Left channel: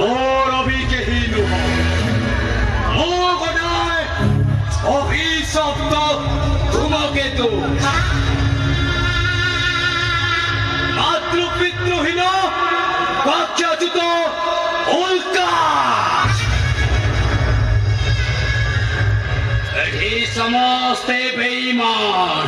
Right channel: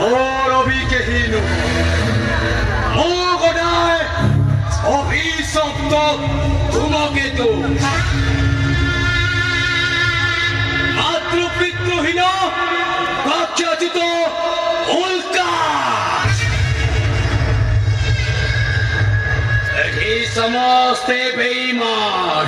ঘোর অভিকেহীন মগনায় অভিশপ্ত ধূমকেতু মাতৃপিতৃহীন কক্ষচ্যুত উল্কা এই সমস্ত বেঈমান